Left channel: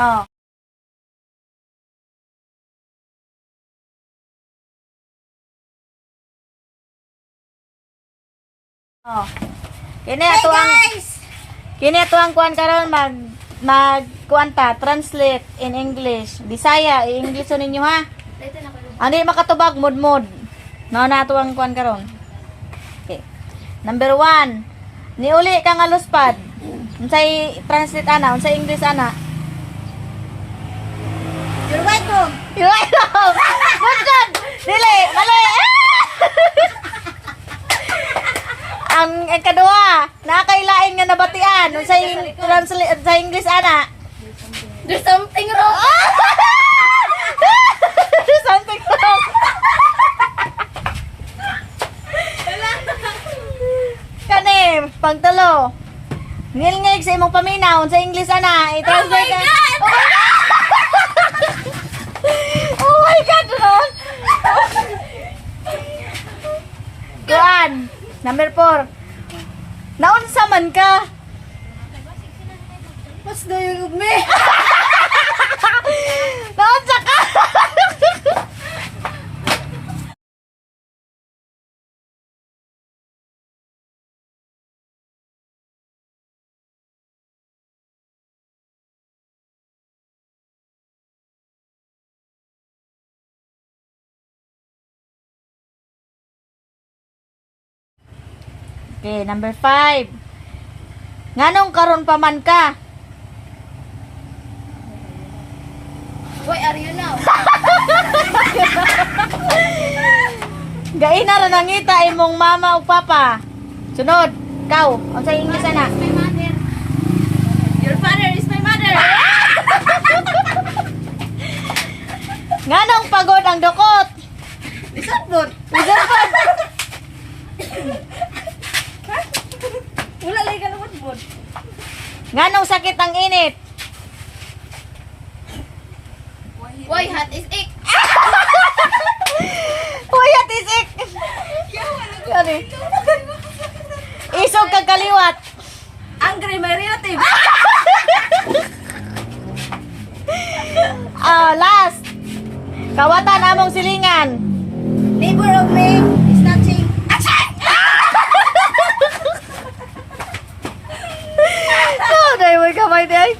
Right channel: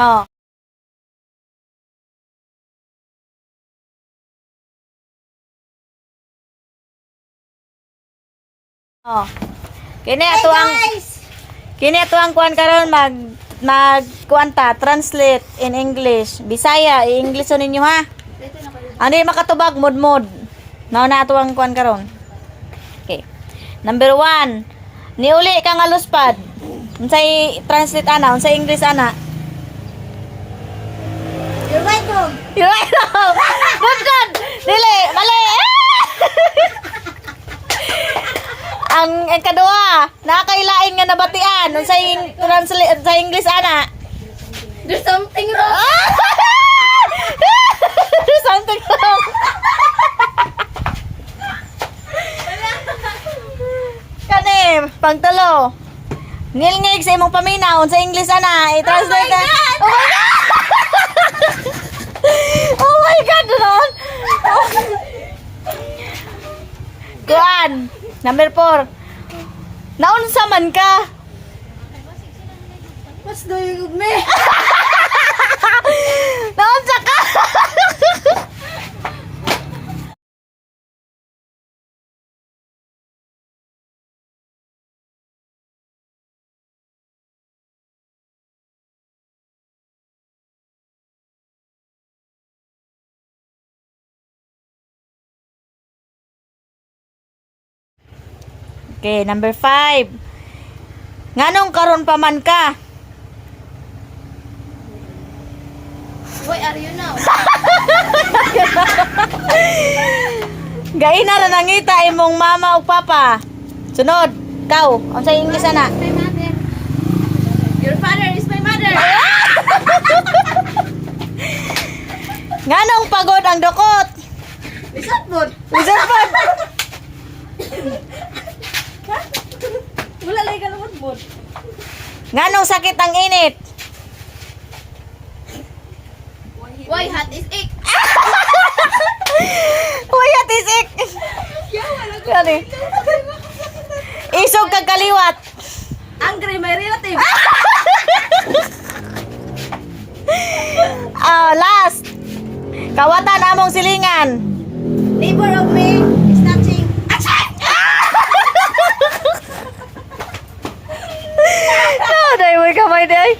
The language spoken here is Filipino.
Oh. Oh. Kini ato ang kuan karon mag kuan ta translate in English. Bisaya, i-English ninyo ha. Ano yung makatubag mod. Mao na ato ang kuan karon. Okay. Number 1. Niuli ka nga luspad. Unsay translate ana, unsay English ana? You're welcome. You're welcome. Good. Dili, mali. Ang kadua, nakakailain nga nabatian. Unsay translate sa English ana? There's something wrong. There's something wrong. Kanim, pagtalo. Nilngig sa imong paminaw sa English ana, i-translate. Oh my God, Ron. Kuan, number 4. Naunsa man ka? What's the use of me? Naunsa ka? Okay, number 5. Nganong karon pa man ka? Where are you now? Gaina na nangita imong mama o papa. Sunod, kau, unsay English ana? My mother. Your father is my mother. Nganong pagod ang dukot? Lisod mo. Wala lagi ka naman mo. Nganong sakit ang init? Why hot is ick? Puyat isik. Ano? Isog kag kaliwat. Angry my relative. Last. Kawatan among silingan. Neighbor of me is touching. Oh, dai mo kamay dai.